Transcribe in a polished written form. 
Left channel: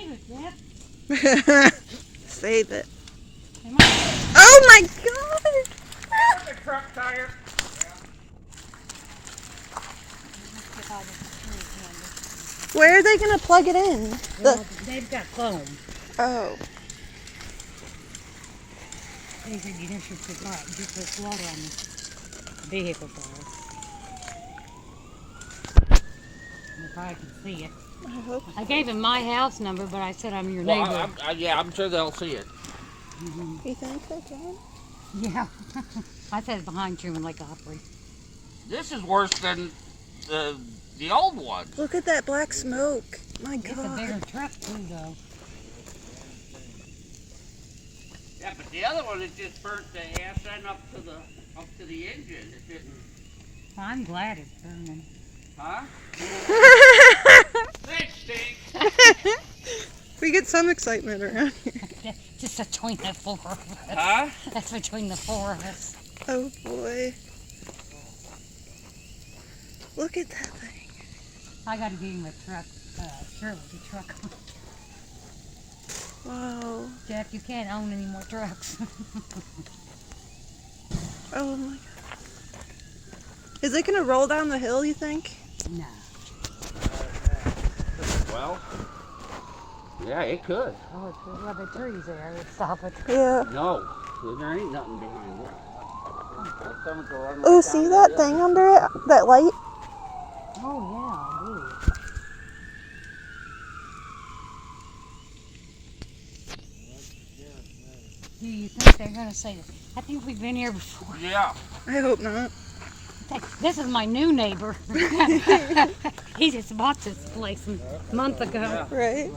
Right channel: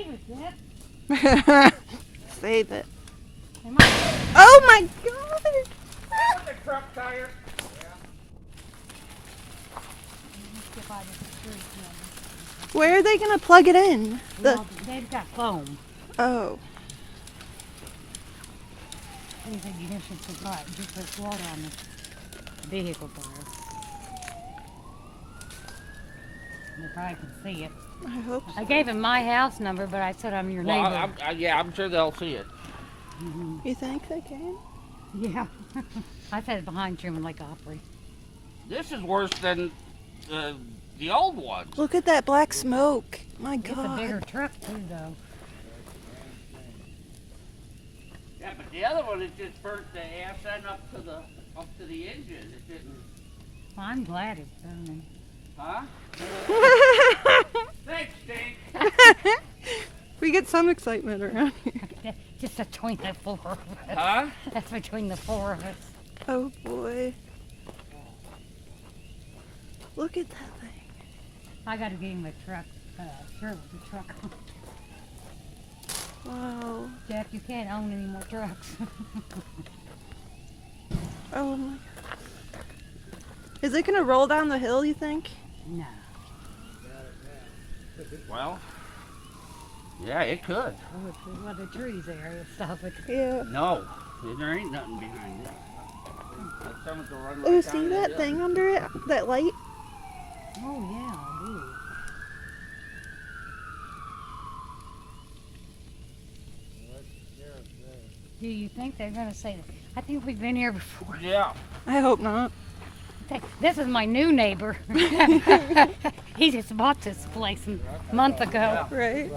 Save it, Dad. Save it. Come on. Oh my god! The truck tire. Where are they gonna plug it in? Well, they've got foam. Oh. They said you don't put light, just put water on the vehicle doors. If I can see it. I hope so. I gave him my house number, but I said I'm your Well, neighbor. yeah, I'm sure they'll see it. You think they can? Yeah. I said behind Truman Lake Opry. This is worse than the old one. Look at that black smoke. My It's a bigger god. truck too, though. Yeah, but the other one, it just burnt the ass end up to the engine. It didn't. Well, I'm glad it's burning. Huh? Thanks, Stink. We get some excitement around here. Just between the four of us. Huh? That's between the four of us. Oh boy. Look at that thing. I gotta give him a truck. Sure, a truck. Wow. Jeff, you can't own any more trucks. Oh my god. Is it gonna roll down the hill, you think? No. Well, yeah, it could. Oh, well, the trees there would stop it. Yeah. No, there ain't nothing behind it. Oh, see that thing under it? That light? Oh, yeah, I do. Do you think they're gonna say that? I think we've been here before. Yeah. I hope not. This is my new neighbor. He just bought this place a month ago. Right?